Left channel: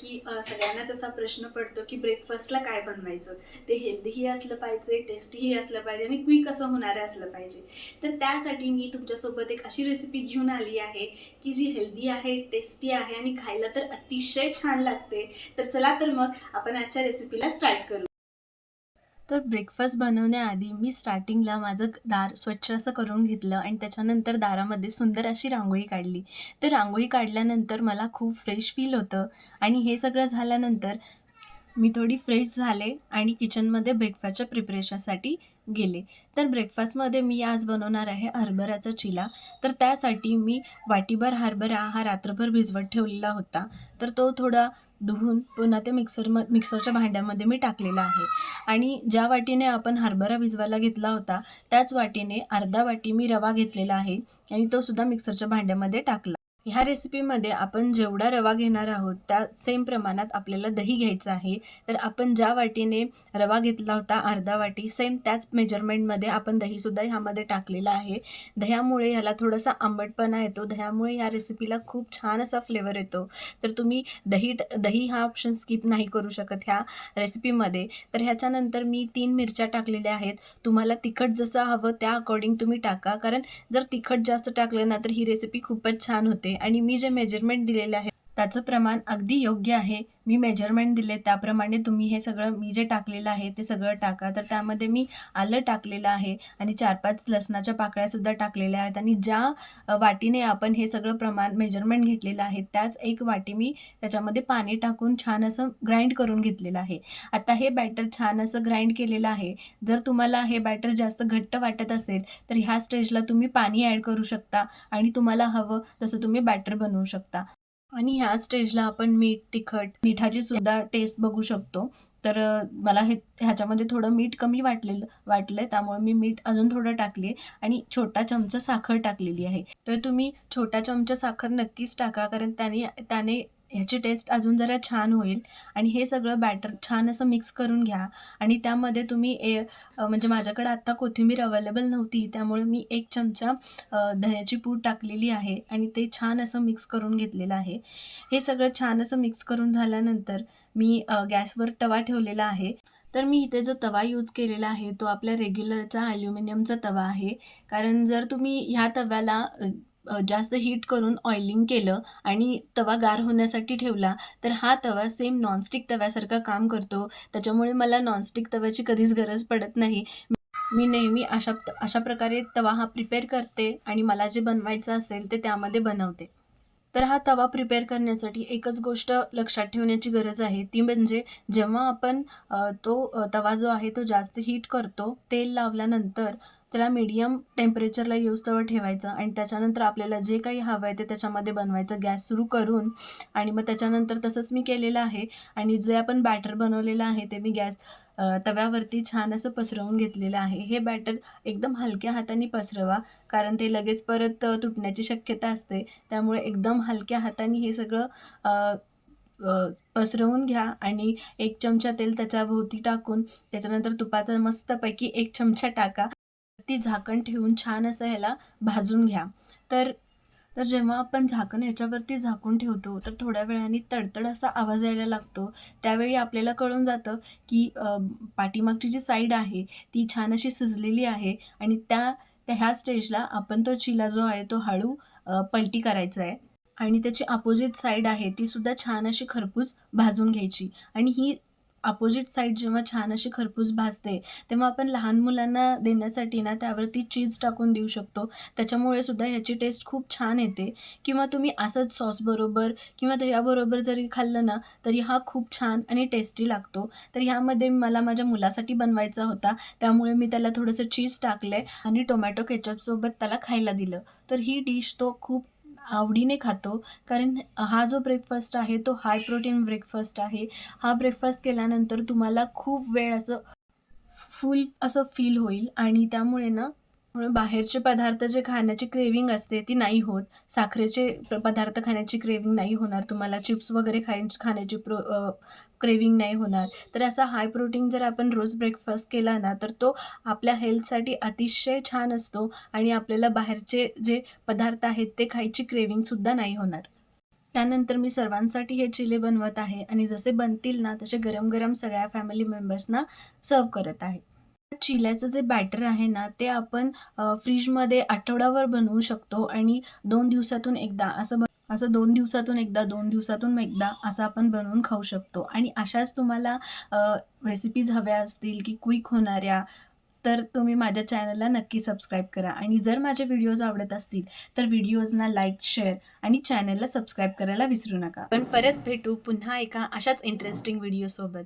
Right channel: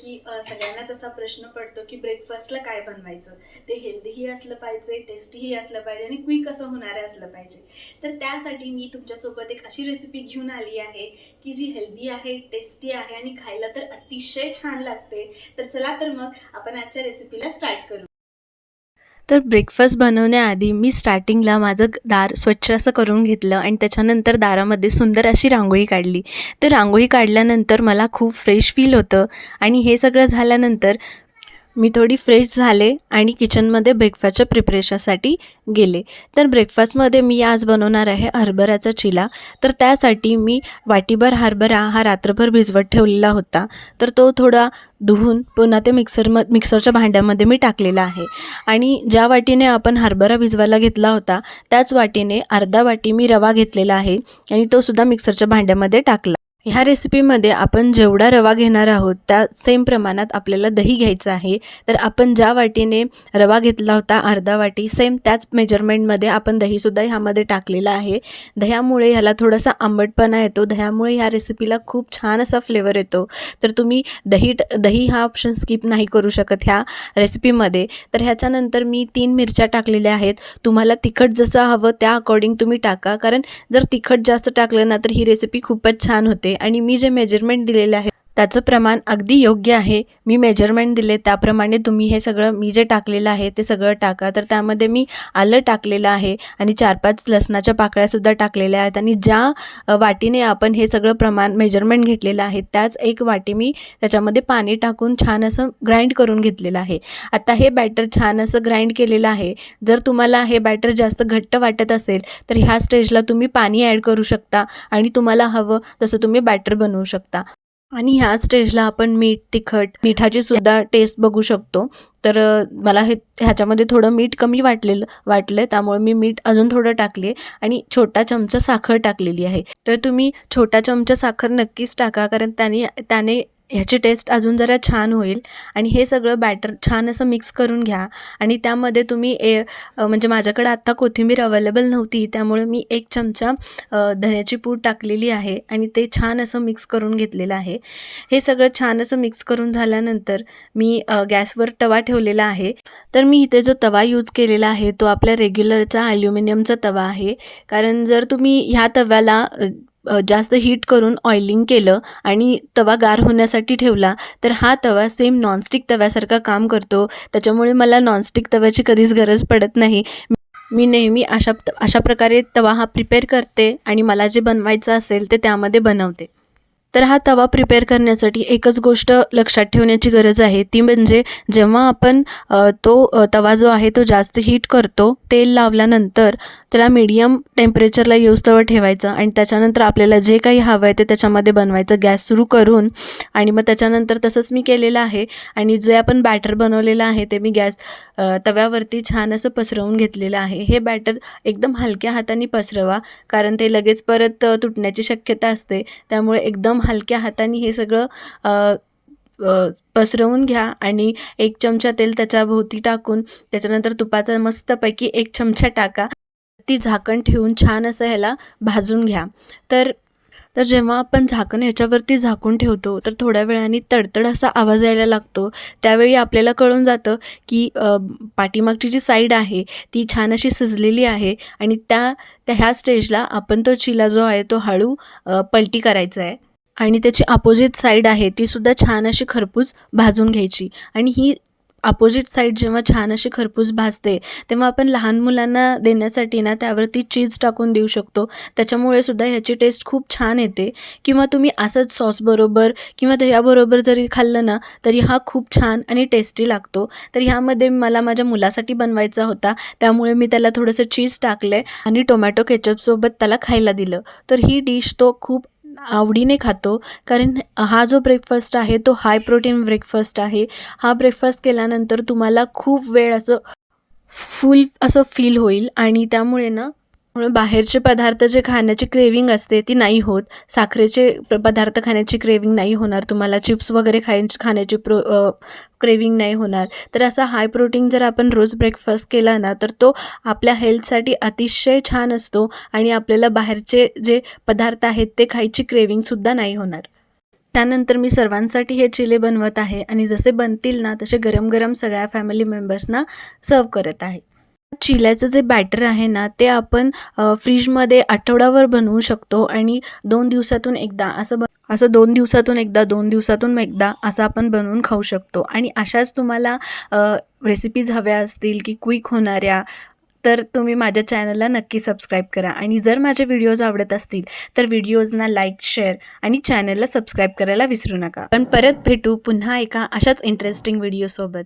की सगळ्यांनाच असा प्रश्न पडतो की ब्रेकफास्टला काय बनवायचं. ते हेल्दीही असलं पाहिजे, टेस्टीही असलं पाहिजे आणि क्विक असं होणारं असलं पाहिजे. तर त्यासाठी मी तुमच्यासोबत एक अशी रेसिपी घेऊन आली आहे की जी हेल्दी आहे, टेस्टी आहे आणि खायला तर अतिशय छान लागते. तर चला तर मग आपण आजच्या रेसिपीला स्टार्ट करू. तर ब्रेकफास्ट बनवण्याआधी मी स्टार्टिंगला माझं दार स्वच्छ असं करून घेतलं आणि त्याच्यानंतर दारामध्ये सुंदर अशी रांगोळी काढली. तर रांगोळी काढल्यानंतर मला खूप फ्रेश फील होतं आणि हे सगळं झाल्यानंतर मी थोडी फ्रेश झाले आणि किचनमध्ये ब्रेकफास्टच्या प्रिपरेशनसाठी गेले. तर ब्रेकफास्टमध्ये मी आज बनवणार आहे हरभऱ्याचा चिला. तर त्यासाठी मी वाटीभर हरभरा हा रात्रभर भिजवत ठेवलेला होता. तर तो थोडा धुवून पुन्हा ते मिक्सरच्या भांड्यामध्ये मी टाकलेला आहे आणि ज्या वाटीने आपण हरभरा भिजवायला घेतला होता त्याच वाटीने अर्धा वाटी मी रवा घेतलेला आहे आणि तो सुद्धा मिक्सरच्या भांड्यामध्ये टाकला. ह्या रेसिपीमध्ये आपण जेवढा रवा घेणार आहोत त्या सेम प्रमाणात आपल्याला दही घ्यायचं आहे. तर आपण ज्या वाटीने रवा घेतला होता अर्धा वाटी सेम त्याच मेजरमेंटमध्ये आपण दहीसुद्धा ह्यामध्ये टाकलेलं आहे. दह्यामुळे ह्याला थोडासा आंबटपणा येतो. दह्यामुळे ह्या रेसिपीला खूप छान असा फ्लेवर येतो. तर तुम्ही दही हा ऑप्शन स्किप नाही करू शकत ह्या रेसिपीमध्ये. तर ह्याच्यानंतर मी 3 मिरच्या टाकलेल्या आहेत. तुम्हाला तिखट जसं हवं त्या अकॉर्डिंग तुम्ही टाका, कारण जर तिखट जास्त टाकलं ना तर ही रेसिपी खूपच छान होते आणि मी जे मेजरमेंट दिलेले आहे त्याचं प्रमाण अगदी योग्य आहे. मी मेजरमेंट दिले त्याप्रमाणे तुम्ही हे सगळं मी जे टाकलेलं आहे ते सगळं टाका. तर त्यामध्ये मी आलं टाकलेलं आहे आणि 4-5 लसणाच्या पाकळ्यासुद्धा टाकलेल्या आहेत आणि ज्या वाटीने आपण हे सगळं प्रमाण मेजरमेंट घेतलेलं आहे त्याच एक वाटी मी त्याच्यामध्ये पाणी टाकून छान असं ग्राइंड करून घेतलेलं आहे. आता हे बॅटर छान असं ग्राइंड केलेलं आहे. जर तुम्हाला हे बॅटर जास्त घट्ट वाटत असेल तर ह्या स्टेजला तुम्ही पाणी ॲड करू शकता आणि तुम्हाला हवं तसं तुम्ही बॅटर बनवू शकता. आणि ह्या स्टेजला आपण मीठ, तिखट, मिठाची सुद्धा टेस्ट बघू शकतो. तर मला ह्याच्यामध्ये थोडं मीठ कमी वाटलं त्यामुळे मी मीठ अजून थोडं टाकले आणि छोटा चमचा साखर टाकलेली आहे. तर तुम्ही छोटा चमचा साखर नक्कीच टाका, कारण त्याने ह्याची टेस्ट अजून जरा छान होईल. आणि हे सगळं बॅटर छान असं मिक्स करून घ्या आणि त्यामध्ये तुम्ही म्हणजे माझ्याकडे आत्ता कोथिंबीर अवेलेबल नव्हती त्यामुळे मी 1 चमचा धण्याची पूड टाकलेली आहे आणि ते छान असं मिक्स करून घेतलेलं आहे. हे सगळं छान असं मिक्स करून झाल्यानंतर मी गॅसवर तवा ठेवलेला आहे. तर मी इथे जो तवा यूज केलेला आहे तो आपल्या रेग्युलरचा ॲल्युमिनियमचा तवा आहे. कारण जर तुम्ही ह्या तव्याला जास्त हीट करून ऑइलिंग केलं आणि तवा गार होण्यासाठी ठेवला तर हा तवा सेम नॉनस्टिक तव्यासारखा काम करतो. त्याच्यामुळे मला नॉनस्टिक तव्याची कधीच गरज पडत नाही. मी नेहमी अशा प्रकारे तवा हा प्रिपेअर करते आणि मला जे बनवायचं असेल ते त्यामध्ये बनवते. तर हा तवा प्रिपेअर करण्यासाठी एकच गोष्ट लक्षात ठेवण्याची गरज आहे, ती म्हणजे जेव्हा आपण तवा जो आहे तो जास्त हीट करतो, तेल लावल्यानंतर त्याला मीडियम टेम्परेचरला येऊस्तोवर ठेवायचं आणि त्याच्यानंतर आपल्याला जे काही हवं आहे ते त्याच्यामध्ये बनवायचं गॅस सुरू करून. आणि मग त्याच्यानंतर तसंच मी केलेलं आहे आणि जे आपण बॅटर बनवलेलं आहे ते मी तव्यावरती छान असं पसरवून घेतलेलं आहे. हे बॅटर एकदम हलक्या हाताने पसरवा, कारण ते लगेच परत तुटण्याची शक्यता असते. त्यामुळे एकदम हलक्या हाताने हे सगळं अ, पसरवून घ्या आणि 1 चमचा तेल त्याच्याभोवती टाकून त्याच्यानंतर तुपाचा मस्तपैकी 1 चमचा टाका. ती झाकण ठेवून छान असं ह्याला भाजून घ्या. तर तर जेव्हा आपण झाकण ह्याच्यावरती झाकून ठेवतो तर थोड्या वेळाने तडतड असा आवाज यायला लागतो. त्यावेळी आपल्याला कळून जातं की पाठीमागची जी साईड आहे ती छान अशी शिजलेली आहे आणि त्या ह्या स्टेजला आपण तो चिला जो आहे तो हळू पलटी करायचा आहे आणि त्याची अपोजिट साईड आहे ती सुद्धा छान अशी खरपूस भाजून घ्यायची. आणि ही अपोजिट साईड जेव्हा छान अशी खरपूस भाजते तेव्हा आपण लहान मुलांना देण्यासाठी ना त्यावरती चीज टाकून देऊ शकतो. त्याच्यामुळे सुद्धा ह्याची टेस्ट खूप छान येते. किंवा तुम्ही असंच सॉसबरोबर किंवा दह्याबरोबर जरी खाल्लं ना तरी हा खूप छान आणि टेस्टी लागतो. तर ह्यामध्ये मला माझ्या मुलासाठी बनवायचा होता त्यामुळे मी त्याला थोडंसं चीज टाकलं आणि टोमॅटो केचपसोबत त्याला खायला दिलं. तर ही डिश तो खूप आवडीने खातो, कारण हा जो ब्रेकफास्ट आहे तो हाय प्रोटीन ब्रेकफास्ट आहे. हा ब्रेकफास्ट केल्यानंतर तुम्हाला खूप वेळ असं फुल असं फील होईल आणि त्यामुळे ना बाहेरचे पदार्थ जे खाण्याची क्रेविंग असते ती नाही होत. साखरेचे पदार्थ खाण्याची क्रेविंग नाही होणार. तुम्हाला चिप्स वगैरे खाण्याची क्रेविंग नाही होणार. तर असा हाय प्रोटीन जर आपण रोज ब्रेकफास्ट केला ना तर तो आपल्या हेल्थसाठी अतिशय छान असतो आणि आपल्याला बाहेरचे जे पदार्थ आहेत ते खायची क्रेविंगसुद्धा नाही होणार. त्यानंतर मी सर्वांसाठी हे चिले बनवत आहे आणि जसे बनतील ना तसे गरम गरम सगळ्या फॅमिली मेंबर्सना सर्व करत आहे. चिल्याचं जे बॅटर आहे ना ते आपण फ्रीजमध्ये आठवडाभर बनवू शकतो आणि 2 दिवसातून एकदा असं 2 दिवसातून एकदा, 2 दिवसातून एकदा असं आपण बनवून खाऊ शकतो. आणि अशाच तुम्हाला रेसिपीज हव्या असतील की क्विक होणाऱ्या, तर तुम्ही माझ्या चॅनलला नक्की सबस्क्राईब करा. आणि जर माझे व्हिडिओज आवडत असतील तर व्हिडिओजना लाईक, शेअर आणि चॅनलला सबस्क्राईब करायला विसरू नका. पण परत भेटू पुन्हा एका अशाच इंटरेस्टिंग व्हिडिओसोबत.